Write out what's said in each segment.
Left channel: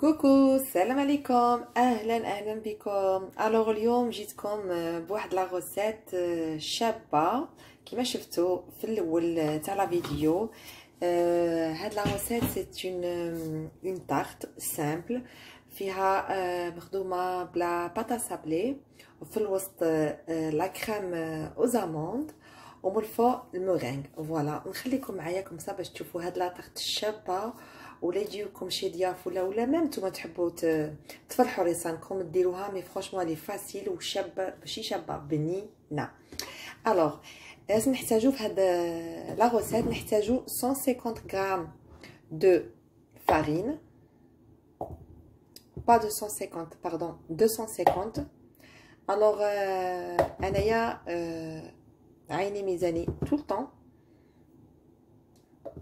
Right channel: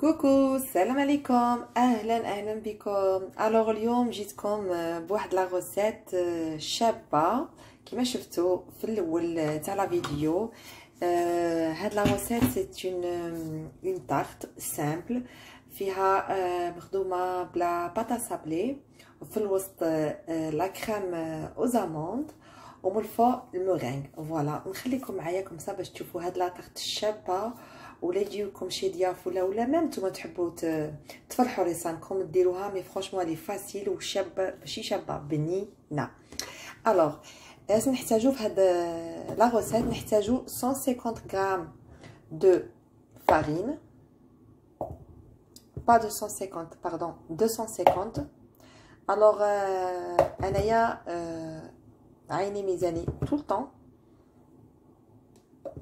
كوكو، السلام عليكم. اهلا بكم. الوغ اليوم جيتكم بواحد لا غوسيت شابه كما شفتوا في الاول تاع لا فيديو. هاد لا غوسيت سي اون تارت سامبل فيها مخدومه بلا باتا سابلي، وفي الوسط لا كريم اوزاموند، ومن الفوق المورينغ. فوالا نخليكم معايا كومسا باش تشوفوا هاد لا تارت الشابه، ولا يجيوكم شي ضياف ولا ميم نتوما تحبوا تفرحوا ريسانكم ديروها. مي فرونشمون لي فاسيل وشابه، ماشي شابه بنينه. الوغ لازم نحتاجو في هاد لا غوسيت نحتاجو 150 غرام دو فارين، با 250 باردون 250. الوغ انايا عيني ميزاني طول طون،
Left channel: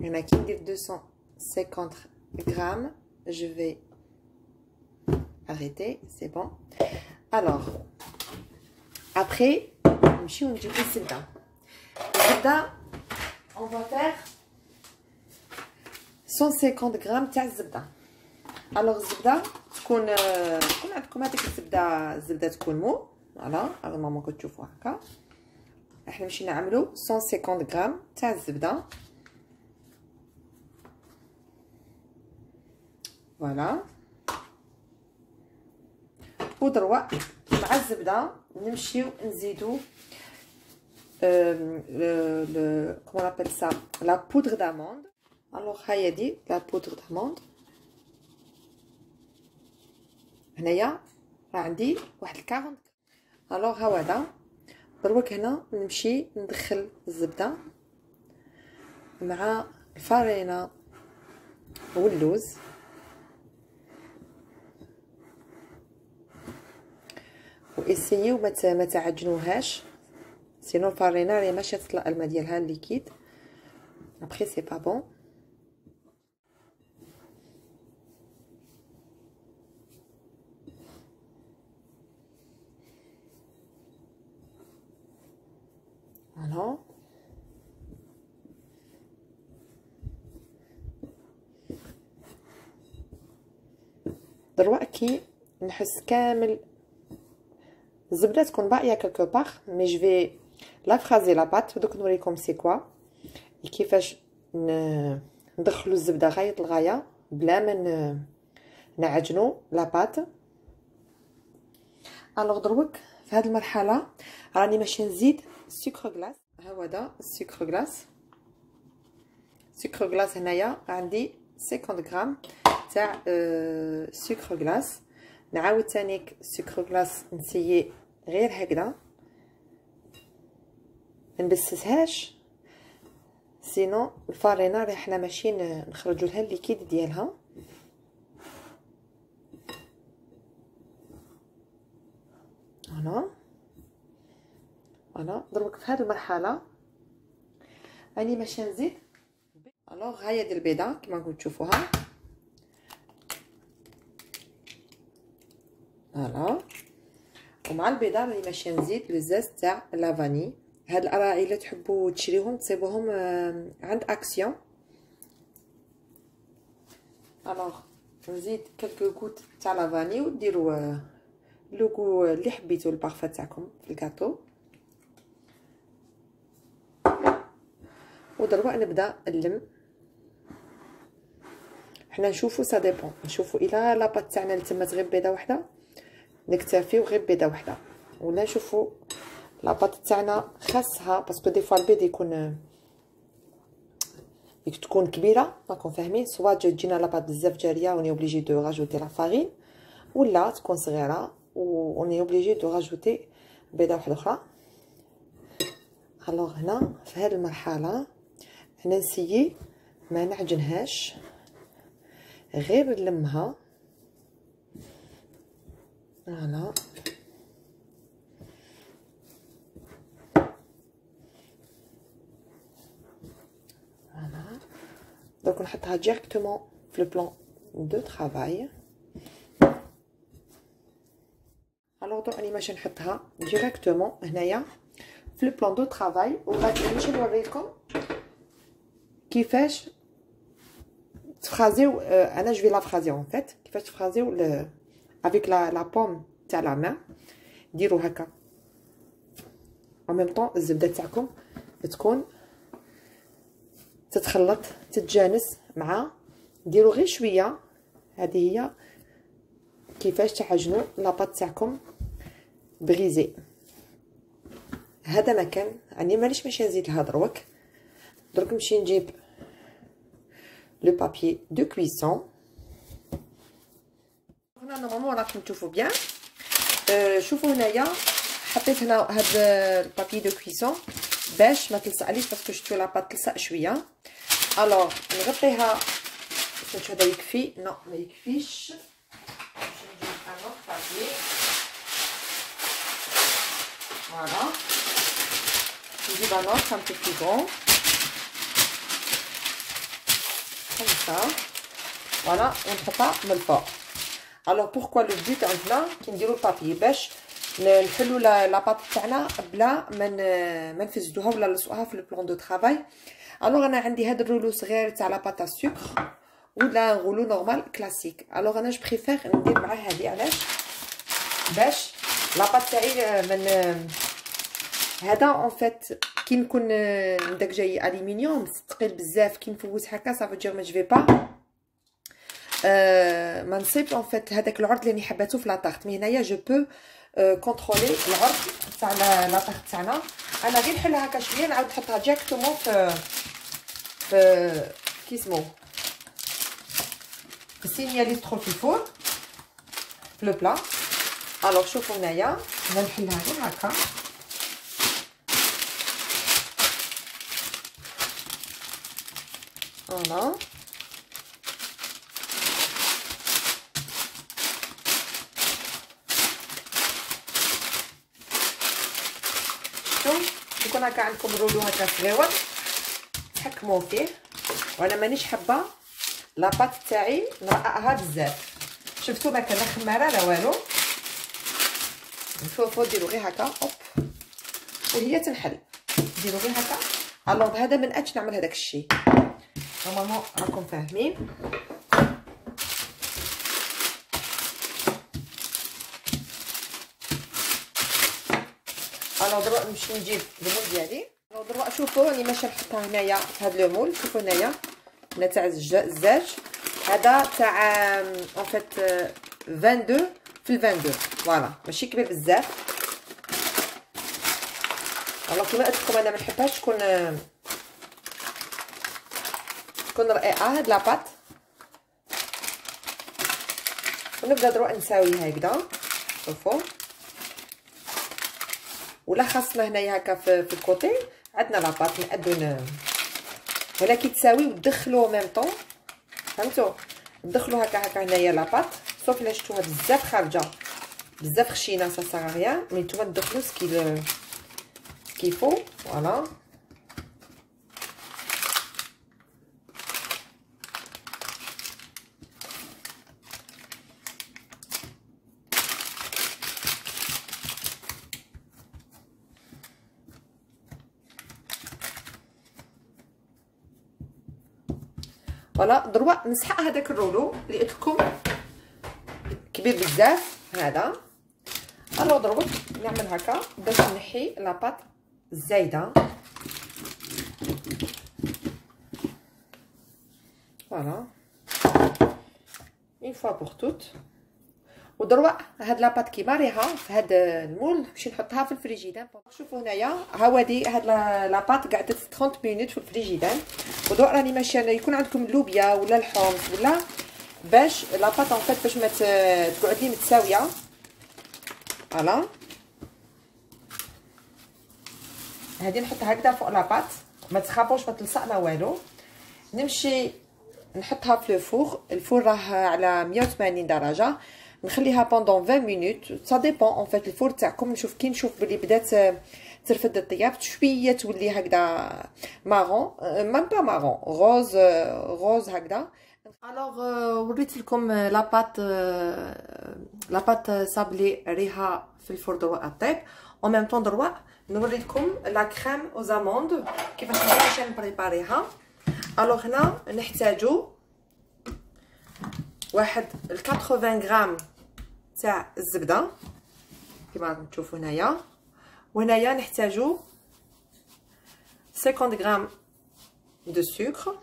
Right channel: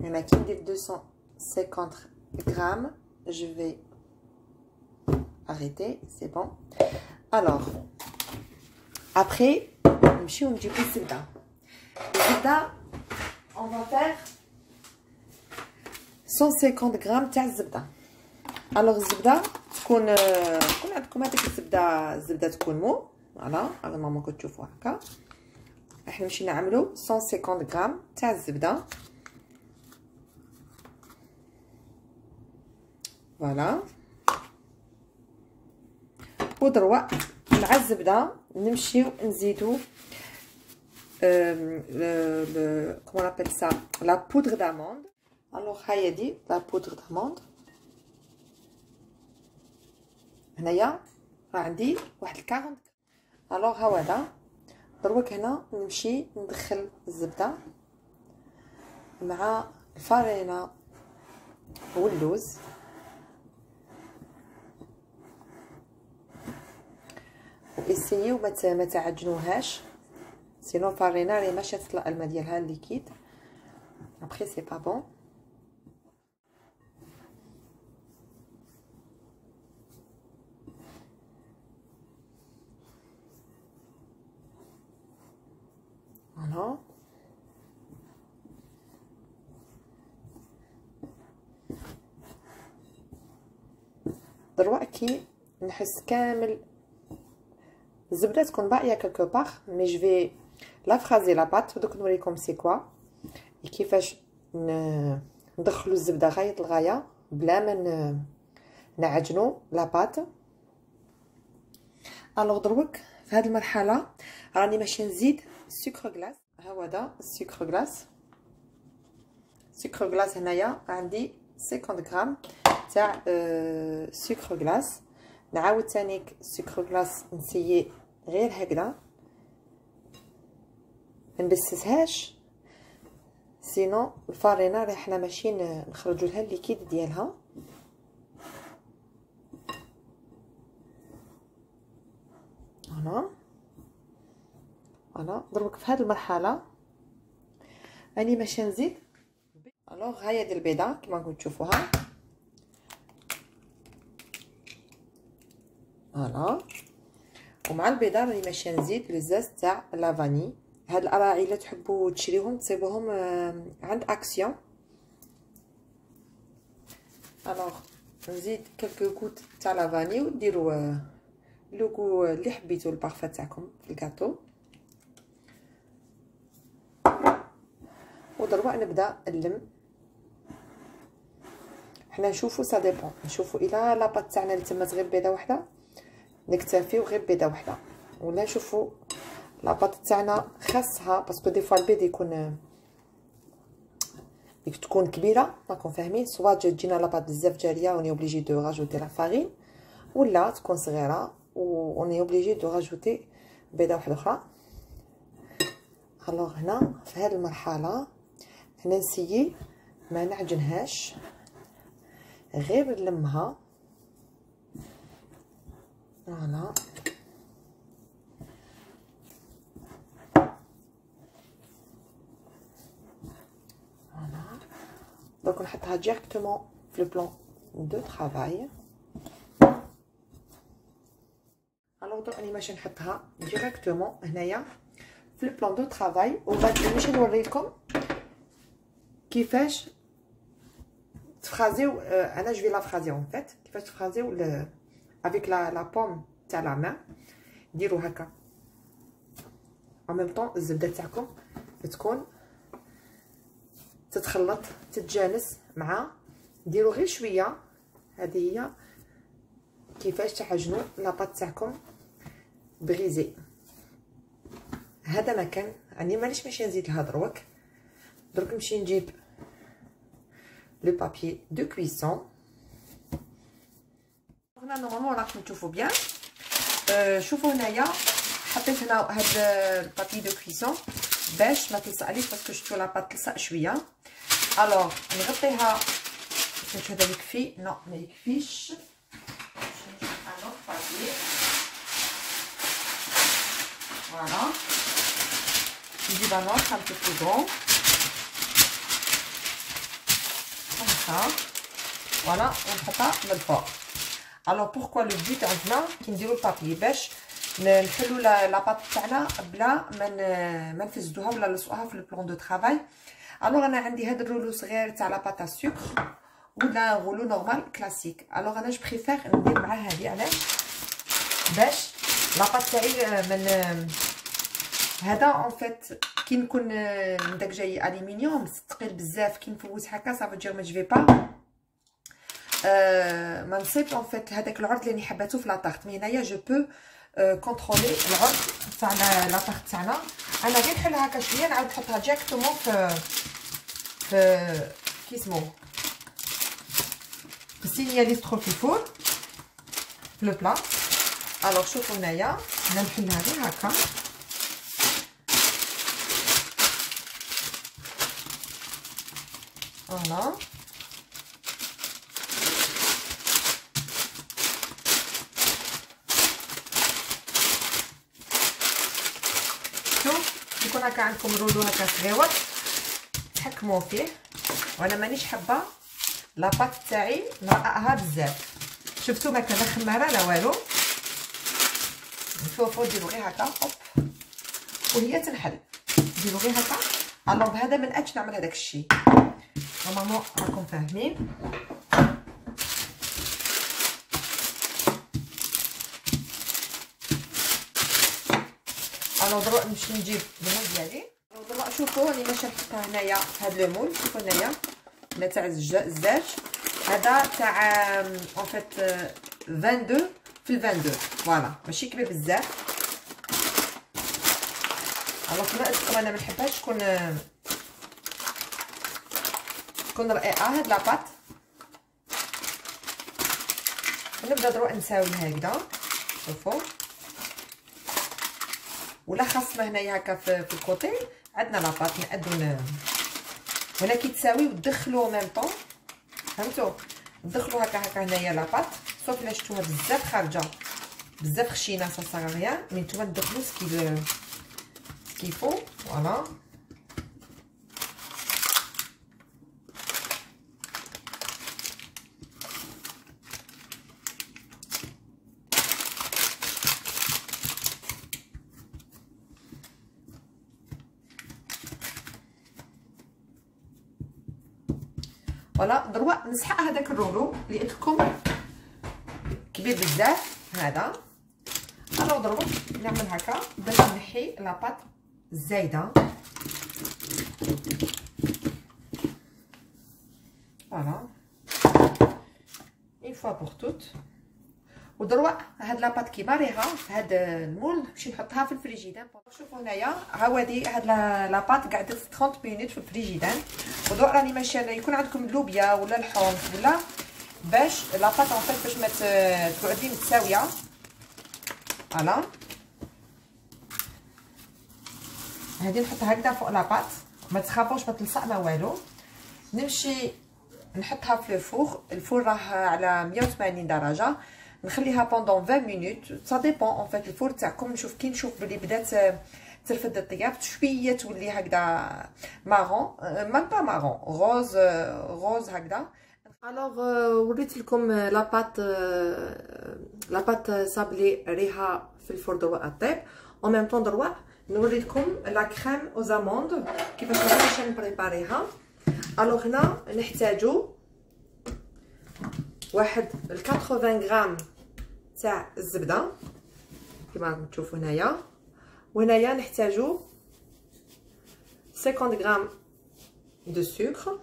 انا كي ندير 250 grammes, je vais arrêter, c'est bon. Alors, après, on dit الزبدة. On va faire 150 grammes تاع الزبدة. Alors الزبدة تكون عندكم هذيك الزبدة تكون مو، فوالا هذا ماما كتشوفوا هكا. احنا نمشي نعملو 150 غرام تاع الزبدة. فوالا ودروا مع الزبده نمشيو نزيدو كومون ابل سا لا بودر داموند. الوغ هاهي دي لا بودر داموند. هنايا راه عندي واحد 40. الوغ ها هذا دروك هنا نمشي ندخل الزبده مع الفارينه واللوز، واسيو ما تعجنوهاش، سينو الفارينه راهي ماشي تطلع الماء ديالها الليكيد، ابخي سي با بون. فوالا دروا كي نحس كامل الزبده تكون باقيه كالكو باغ، مي جو في لا فرازي لا بات ودوك نوريكم سي كوا كيفاش ندخلو الزبده غايه الغايه بلا ما نعجنو لا بات. الوغ دروك في هذه المرحله راني ماشي نزيد سكر غلاس. ها هو هذا السكر غلاس. سكر غلاس هنايا عندي 50 غرام تاع سكر غلاس. نعاود تانيك سكر غلاس نسيي غير هكذا، منبسسهاش، سينو الفارينه راه حنا ماشي نخرجو لها الليكيد ديالها. فوالا دروك في هذه المرحله راني ماشي نزيد. الوغ هاهي ديال البيضه كما راكم تشوفوها. فوالا ومع البيضه راني ماشي نزيد لزاز تاع لافاني. هاد الاراعي الا تحبوا تشريوهم تصيبوهم عند اكسيون. الوغ نزيد كلكو غوت تاع لافاني وديروا لوغو اللي حبيتو البارفا تاعكم في الكاطو. ودروا نبدا نلم. حنا نشوفوا سا ديبون، نشوفوا الا لاباط تاعنا تمات غير بيضه واحده نكتفيو غير بيضه واحده، ولا نشوفوا لاباط تاعنا خاصها باسكو دي فوا البيض تكون كبيره، راكم فاهمين، سوا تجينا لاباط بزاف جاريه وني اوبليجي دو راجوتي لا فارين، ولا تكون صغيره وني اوبليجي دو راجوتي بيضه واحده اخرى. الوغ هنا في هذه المرحله انا نسيي ما نعجنهاش، غير نلمها. فوالا فوالا دونك نحطها ديريكتومون في البلان دو طرافاي. الوغ دونك راني ماشي نحطها ديريكتومون هنايا في البلان دو طرافاي، وغادي نمشي نوريكم كيفاش تفرازيو. انا جو في لا فرازي اون فيت. كيفاش تفرازيو افيك لا بوم تاع لا مان. ديروا هكا en même temps الزبده تاعكم تكون تتخلط تتجانس مع. ديروا غير شويه. هذه هي كيفاش تعجنوا لاباط تاعكم بغيزي. هذا مكان يعني مانيش ماشي نزيد لها دروك. درك نمشي نجيب لو بابي دو كويسون. هنا نورمالمون راكم تشوفوا بيان. شوفوا هنايا حطيت هنا هاد البابي دو كويسون باش ما تلصقليش باسكو شفتو لاباط تلصق شويه. الوغ نغطيها. واش هذا يكفي؟ نو ما يكفيش. فوالا نجيب ان اوتر un peu plus grand comme ça. فوالا ونحطها من الفوق. الوغ بوركوا لو بوت عندنا كي نديرو البابي باش نحلو لاباط تاعنا بلا ما نفسدوها ولا نلصقوها في البلان دو طرافاي. الوغ انا عندي هاد الرولو صغير تاع لاباط السكر ولا رولو نورمال كلاسيك. الوغ انا جو بريفير ندير مع هادي. علاش؟ باش لاباط تاعي من هذا اون فيت كي نكون داك جاي الومنيوم ثقيل بزاف كي نفوت هكا صافي دير ما جو با ما نصيبش اون فيت هذاك العرض اللي حباتو في لاطارت. مي هنايا جو بو كونترولي العرض تاع لاطارت تاعنا. انا غير نحلها هكا شويه نعاود نحطها ديريكتومون في كي سمو السينياليسترو في الفور في لو بلا. الوغ شوفوا هنايا انا نحلها غير هكا. فوالا شوف يكون هكا عندكم رولو هكا صغيور تحكموا فيه. وانا مانيش حابه لاباط تاعي نرققها بزاف. شفتوا ما كان لا خماره لا والو. نفوفو ديروا غير هكا اوب وهي تنحل. ديروا غير هكا. الوغ بهذا ما نقدش نعمل هذاك الشيء. نورمالمون راكم فاهمين. الوغ دروك نمشي نجيب المول ديالي. الوغ دروك شوفوا راني ماشي نحطها هنايا في هذا المول. شوفوا هنايا هنا تاع الزاج. هذا تاع اون فيت 22 في 22. فوالا ماشي كبير بزاف. الوغ كما قلت لكم انا ما نحبهاش تكون رقيقه هاد لاباط. ونبدا دروك نساوي هكذا. شوفوا ولا خاصنا هنايا هكا في الكوتي عندنا لاباط نقدو هنا كي تساوي وتدخلوا ميم طون. فهمتوا؟ تدخلوا هكا هنايا لاباط صوف الا شفتوها بزاف خارجه بزاف خشينه سا سا ريان. مي نتوما تدخلوا سكيفو. فوالا فوالا دروك نسحق هذاك الرولو اللي قلت لكم كبير بزاف هذا. الو دروك نعمل هكا باش نحي لاباط الزايده. فوالا اون فوا بور توت. ودروك هاد لاباط كي باريها في هاد المول نمشي نحطها في الفريجيدان. شوفوا هنايا هاودي هاد لاباط قعدت 30 مينوت في الفريجيدان. ودروك راني ماشيه يكون عندكم اللوبيا ولا الحمص ولا باش لاباط ان فيت باش ما تقعدي متساويه. فوالا هادي نحطها هكذا فوق لاباط ما تخافوش ما تلصق ما والو. نمشي نحطها في الفور راه على 180 درجه. نخليها بوندون 20 مينوت. سا ديبون اون فيت الفور تاعكم. نشوف كي نشوف بلي بدات ترفد الطياب شويه تولي هكذا مارون ميم با مارون روز هكذا. الوغ وريت لكم لاباط صابلي ريها في الفور دروك الطيب. اون ميم طون دروك نوري لكم لا كريم او زاموند كيفاش باش نبريباريها. الوغ هنا نحتاجو واحد 80 غرام تاع الزبده كما راكم تشوفوا هنايا. وهنايا نحتاجو 50 غرام دو سكر.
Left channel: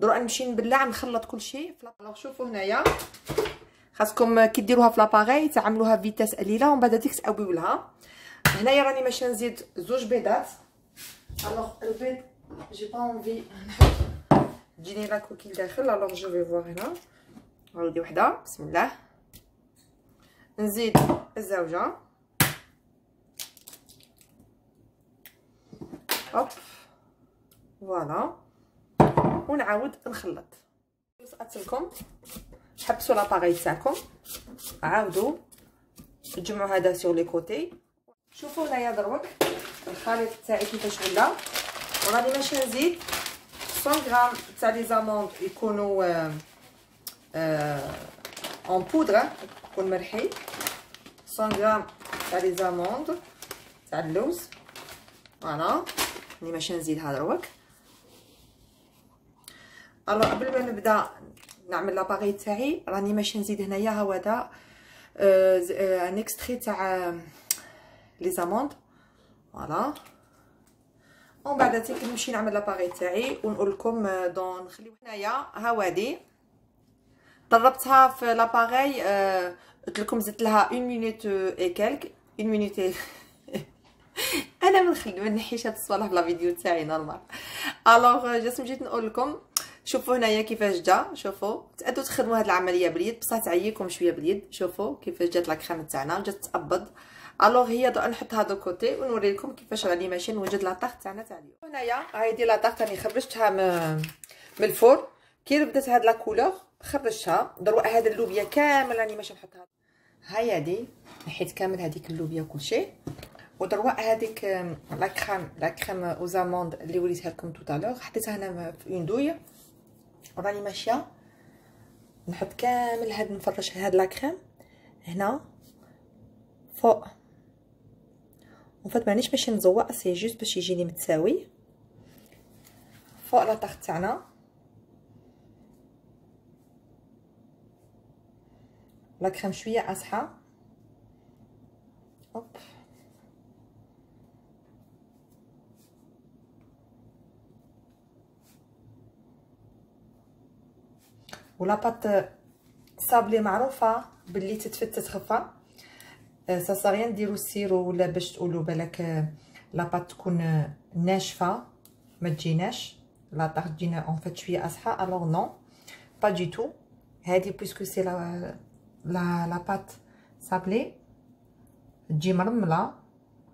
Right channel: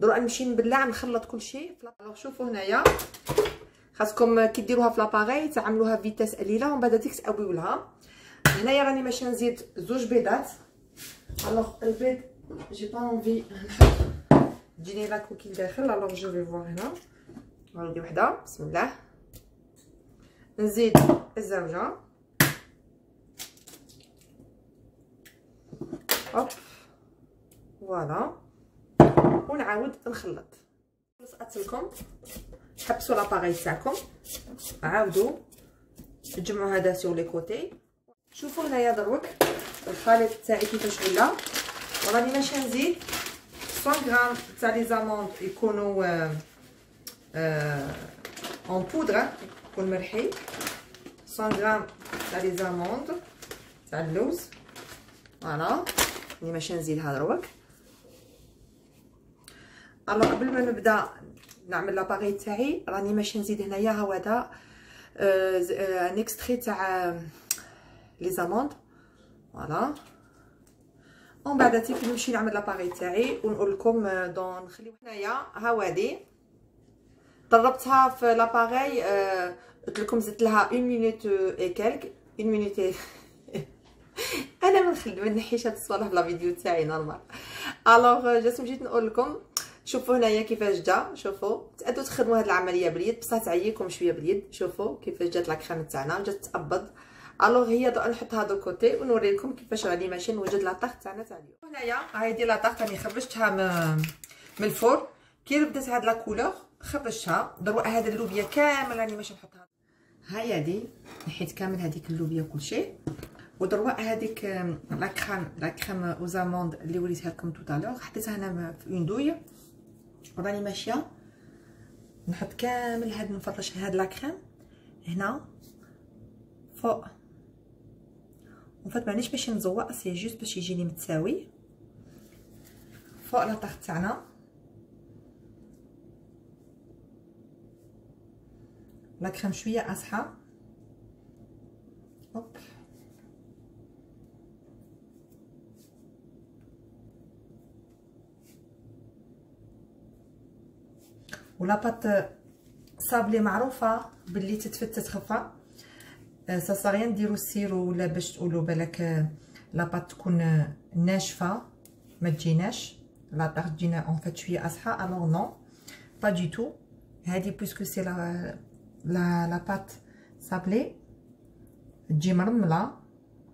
دروك نمشي نبلع نخلط كلشي. الوغ شوفوا هنايا خاصكم كي ديروها في لاباري تعملوها فيتاس قليله ومن بعد ديك تقويو لها. هنايا راني ماشي نزيد 2 بيضات. الوغ البيض جي با اونفي نحط تجيني لا كوكيل داخل. الوغ جو في فوار هنا هاودي وحده. بسم الله. نزيد الزوجه. هوب فوالا. ونعاود نخلط. نسقط لكم حبسوا لاباري تاعكم عاودوا تجمعوا هذا سور لي كوتي. شوفوا هنايا دروك الخليط تاعي كيفاش ولا. وراني ماشي نزيد 100 غرام تاع لي زاموند يكونوا اون بودره يكون مرحي. 100 غرام تاع لي زاموند تاع اللوز فوالا. راني ماشي نزيدها دروك. الو قبل ما نبدا نعمل لاباري تاعي راني ماشي نزيد هنايا هذا ان اكستري تاع لي زاموند فوالا. ومن بعد تيك نمشي نعمل لاباري تاعي ونقول لكم دون نخليو هنايا هاودي طربتها في لاباري. قلت لكم زدت لها 1 مينوت اي كالك 1 مينوت. انا ما نحيش هاد الصوالح في لا فيديو تاعي نورمال. الوغ جيت نقول لكم شوفوا هنايا كيفاش جا. شوفوا تقدروا تخدموا هاد العمليه باليد بصح تعييكم شويه باليد. شوفوا كيفاش جات لا كريم تاعنا جات تابض. الوغ هي نحط هادو كوتي ونوري لكم كيفاش راني ماشي نوجد لا طاغ تاعنا تاع اليوم. هنايا هايدي لا طاغ راني خرجتها من الفور. كي بدات هاد لا كولور خرجتها. دروك هاد اللوبيا كامل راني ماشي نحطها. هيا دي نحيت كامل هذيك اللوبيا كلشي. ودروك هذيك لا كريم او زاموند اللي وريتها لكم توتالور حطيتها هنا في اون دوي. وراني ماشيه نحط كامل هاد نفرش هاد لا كريم هنا فوق. وفات مانيش باش نزوق سي جوست باش يجيني متساوي فوق لا طاغ تاعنا. لا كريم شويه اصحى. هوب ولا بات صابلي معروفه باللي تتفتت خفه. صاريان ديروا السيرو ولا باش تقولوا بالك لا بات تكون ناشفه ما تجيناش لا طاغ تجينا اون فات شويه اصحى. الوغ نو با دي تو. هذه بويسكو سي لا بات صابلي تجي مرمله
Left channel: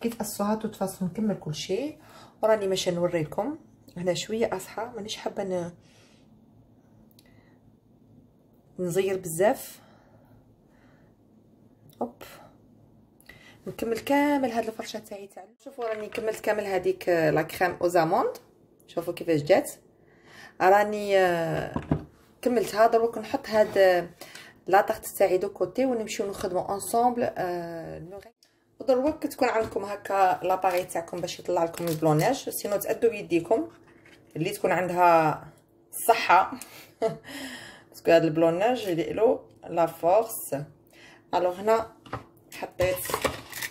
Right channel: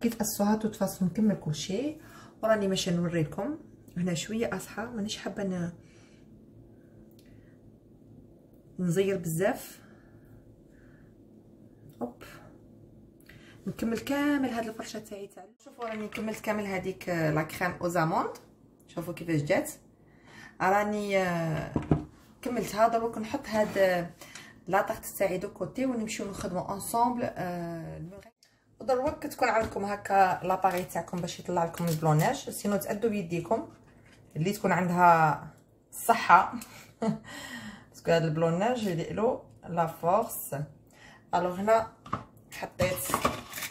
كي تقصوها توت فاصون نكمل كلشي. وراني ماشي نوري لكم هنا شويه اصحى مانيش حابه نزير بزاف. هوب نكمل كامل هاد الفرشه تاعي تاع. شوفوا راني كملت كامل هذيك لا كريم او زاموند. شوفوا كيفاش جات. راني كملتها. دروك نحط هاد لا طاغ تاعي دو كوتي ونمشيو نخدموا انصومبل. ودروك تكون عندكم هكا لاباري تاعكم باش يطلع لكم البلوناج. سينو تأدوا بيديكم اللي تكون عندها الصحه باسكو هاد البلوناج يديرلو لا فورس. الوغ هنا حطيت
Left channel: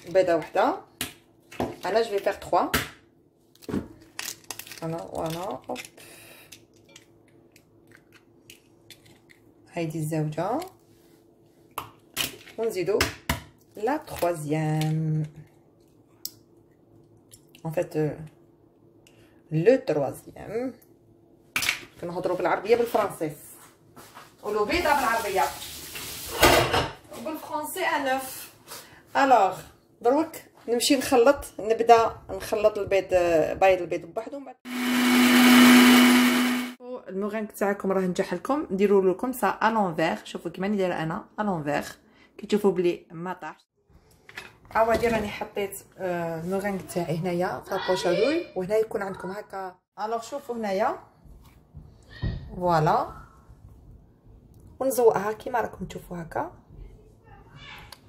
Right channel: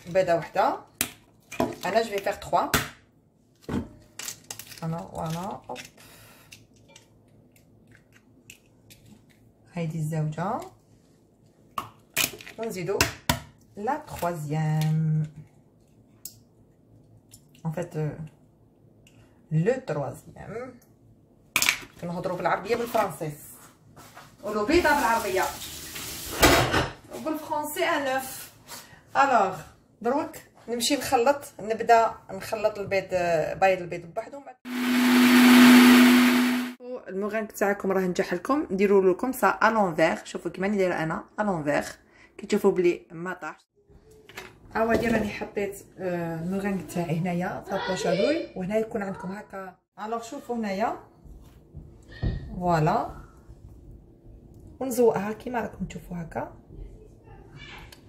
بيضه وحده. انا جو في فيغ 3 انا فوالا. هوب هايدي الزوجه ونزيدو لا تروازيام ان فيت لو تروازيام. كنهضروا بالعربيه بالفرنسي. قولوا بيضه بالعربيه وبالفرنسي انوف. الوغ دروك نمشي نخلط. نبدا نخلط البيض بايض البيض بوحدو. المورينغ تاعكم راه نجح لكم ديروا لكم سا الونفير. شوفوا كيما ندير انا الونفير كي تشوفوا بلي ما طاحش. عاودي راني حطيت المورينغ تاعي هنايا في البوشادوي وهنا يكون عندكم هكا. الوغ شوفوا هنايا فوالا ونزوقها كيما راكم تشوفوا هكا.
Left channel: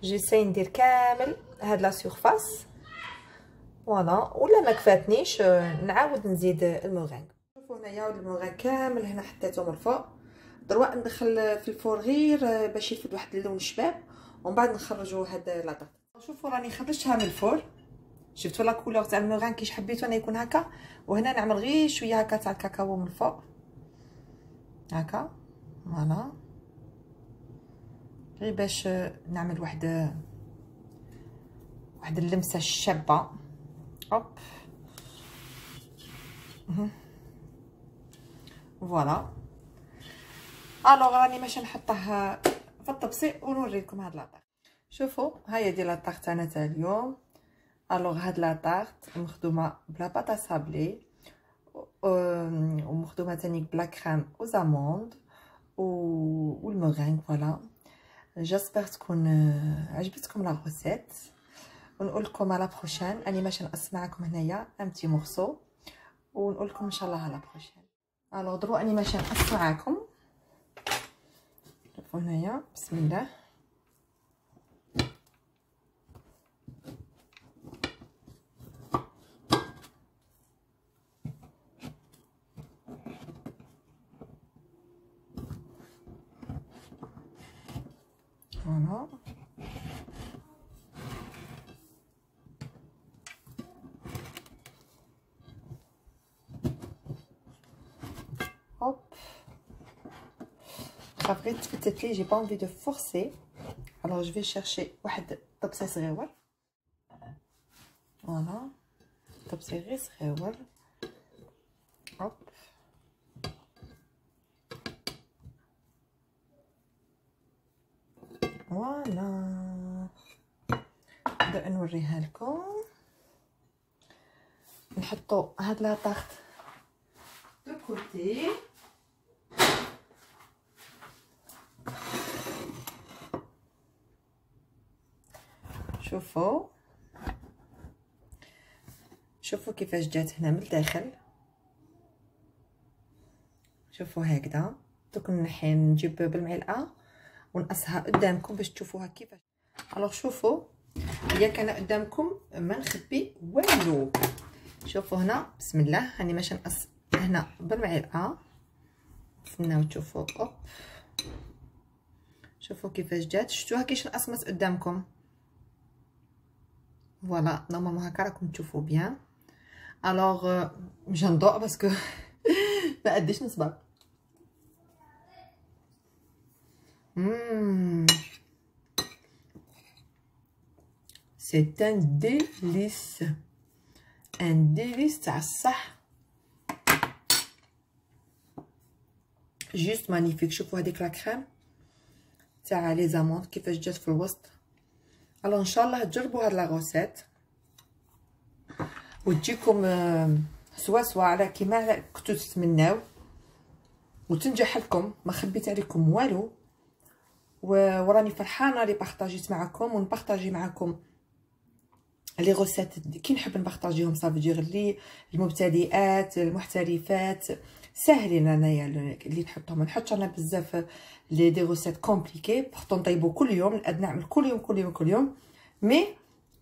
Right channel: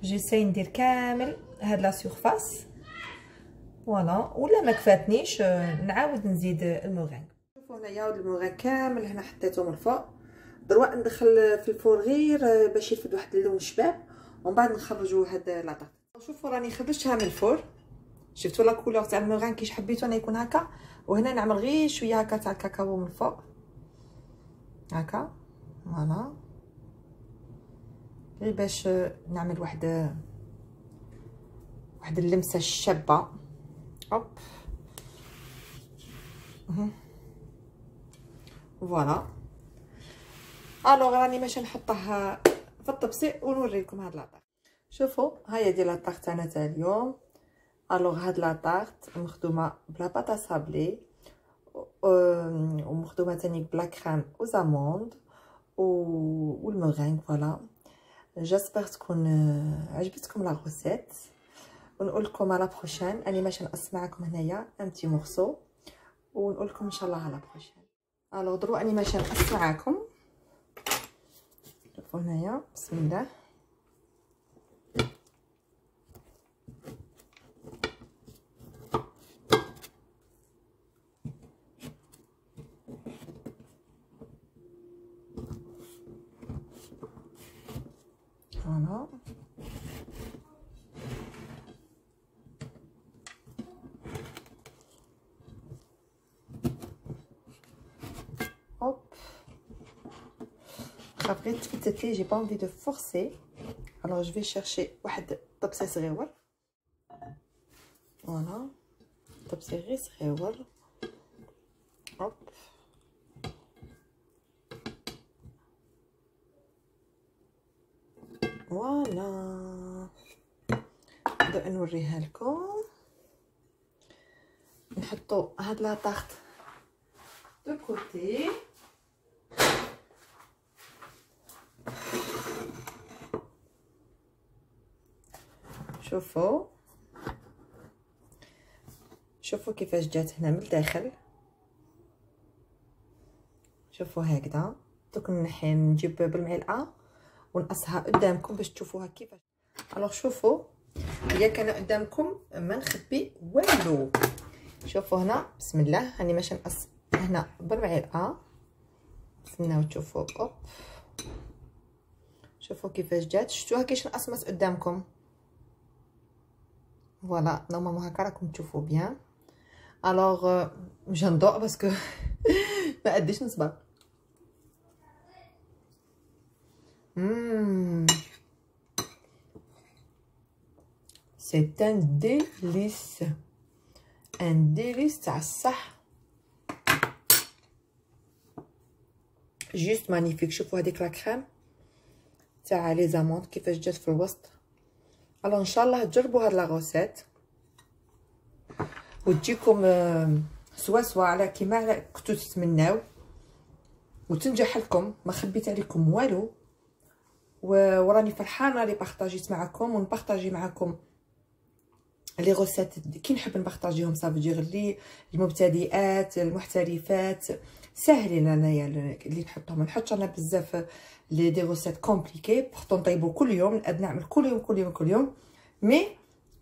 جيساي ندير كامل هاد لا سيرفاس فوالا. ولا ما كفاتنيش نعاود نزيد المورينغ. شوفوا هنايا المورينغ كامل هنا حطيته من الفوق. دروك ندخل في الفور غير باش يفد واحد اللون شباب، ومن بعد نخرجوا هاد لا طاط. شوفوا راني خرجتها من الفور، شفتوا لا كولور تاع الموغان كيش حبيتو انا يكون هكا. وهنا نعمل غير شويه هكا تاع الكاكاو من الفوق هكا، فوالا، غير باش نعمل واحد اللمسه الشابه. هوب فوالا. الوغ راني ماشي نحطها في الطبسي ونوريكم هاد لاطاغ. شوفوا هيا دي لاطاغ تاعنا تاع اليوم. الوغ هاد لاطاغ مخدومه بلا باطا صابلي ومخدومه تاني بلا كريم وزاموند والمورينغ. فوالا، جاسبر تكون عجبتكم لا غوسيت، ونقول لكم على بروشين. اني ماشي نقص معكم هنايا ان بتي مورسو، ونقول لكم ان شاء الله على بروشين. الوغ درو اني ماشي نقص معاكم. شوفوا هنايا، بسم الله. فوالا، hop. Après تفتت لي، j'ai pas envie de forcer, alors je vais chercher واحد طبسي صغيور. فوالا، طبسي غير صغيور. هوب فوالا. نبدا نوريها لكم. نحطو هاد لا طاغط دو كوتي. شوفوا كيفاش جات هنا من الداخل. شوفوا هكذا. دوك نجيب بالمعلقه ونقصها قدامكم باش تشوفوها كيفاش. الوغ شوفوا، هي كان قدامكم ما نخبي والو. شوفوا هنا، بسم الله، راني ماشي نقص هنا بالمعلقه. نستناو تشوفوا. اوب، شوفوا كيفاش جات. شفتوها كيش نقصمت قدامكم. فوالا، نورمالمون هكا راكم تشوفوا بيان. الوغ مش هنضوء باسكو ما قديش نصبر. C'est un délice, تاع الصح. جوست مانيفيك. شوفوا هذيك لا كريم تاع لي زاموند كيفاش جات في الوسط. الو ان شاء الله تجربوا هاد لا غوسيت وتجيكم سوا على كيما كنتو تتمناو، وتنجح لكم، ما خبيت عليكم والو. وراني فرحانه لي بارطاجيت معكم، ونبارطاجي معكم لي غوسيت كي نحب نبارطاجيهم. صافي لي المبتدئات المحترفات ساهلين انايا اللي نحطهم. ما نحطش انا بزاف لي دي غوسيت كومبليكي بورتو نطيبو كل يوم. نقد نعمل كل يوم مي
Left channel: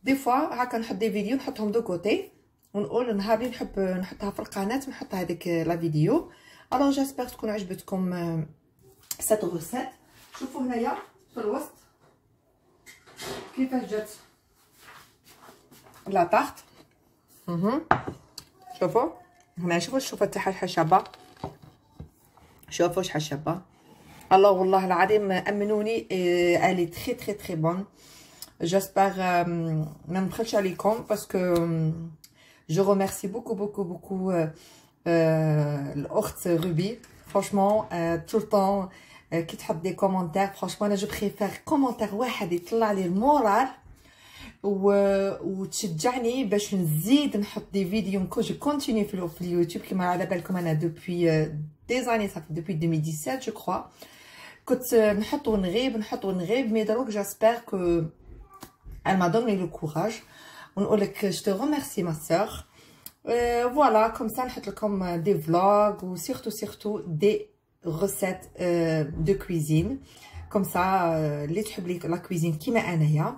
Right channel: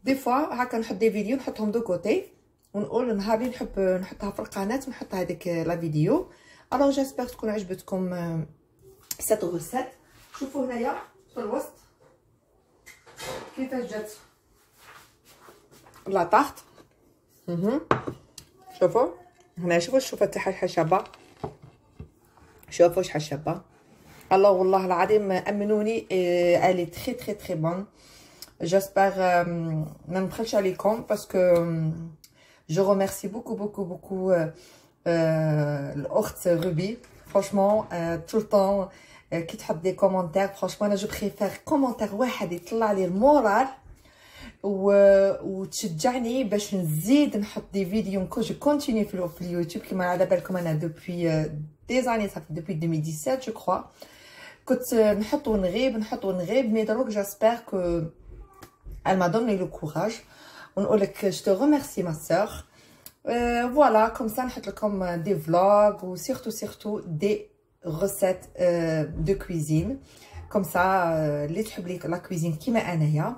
دي فوا هكا نحط دي فيديو نحطهم دو كوتي، ونقول نهار اللي نحب نحطها في القناه نحط هذيك لا فيديو. الوغ جاسبر تكون عجبتكم سات غوسيت. شوفوا هنايا في الوسط كيفاش جات لا طاغط. شوفوا هنا، شوفوا الشوفه تاعها شابه. شوفوا شحال شابه. الله والله العظيم امنوني، الي تري بون. جاسبر ما نبخلش عليكم باسكو جو ريميرسي بوكو الاخت روبي. فرانشمون طول طون كي تحط دي كومونتير، فرانشمون انا جو بريفير كومونتير واحد يطلع لي المورال وتشجعني باش نزيد نحط دي فيديو. جو كونتيني في اليوتيوب كما على بالكم. انا دوبوي دي زاني صافي دوبوي 2017 جو كرو كنت نحط ونغيب مي دروك جاسبر كو elle m'a donné le courage. ونقول لك je te remercie ma sœur. Voilà, comme ça نحط لكم دي فلوغ وسيرتو دي ريسيت دو كويزين كوم سا اللي تحب لي لا كويزين كيما انايا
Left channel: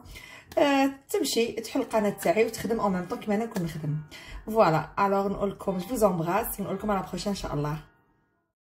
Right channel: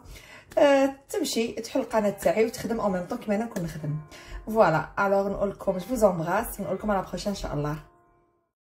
تمشي تحل القناه تاعي وتخدم او ميم طون كيما انا نكون نخدم. فوالا، الوغ نقول لكم جو فوز امبراس، ونقول لكم على بروشين ان شاء الله.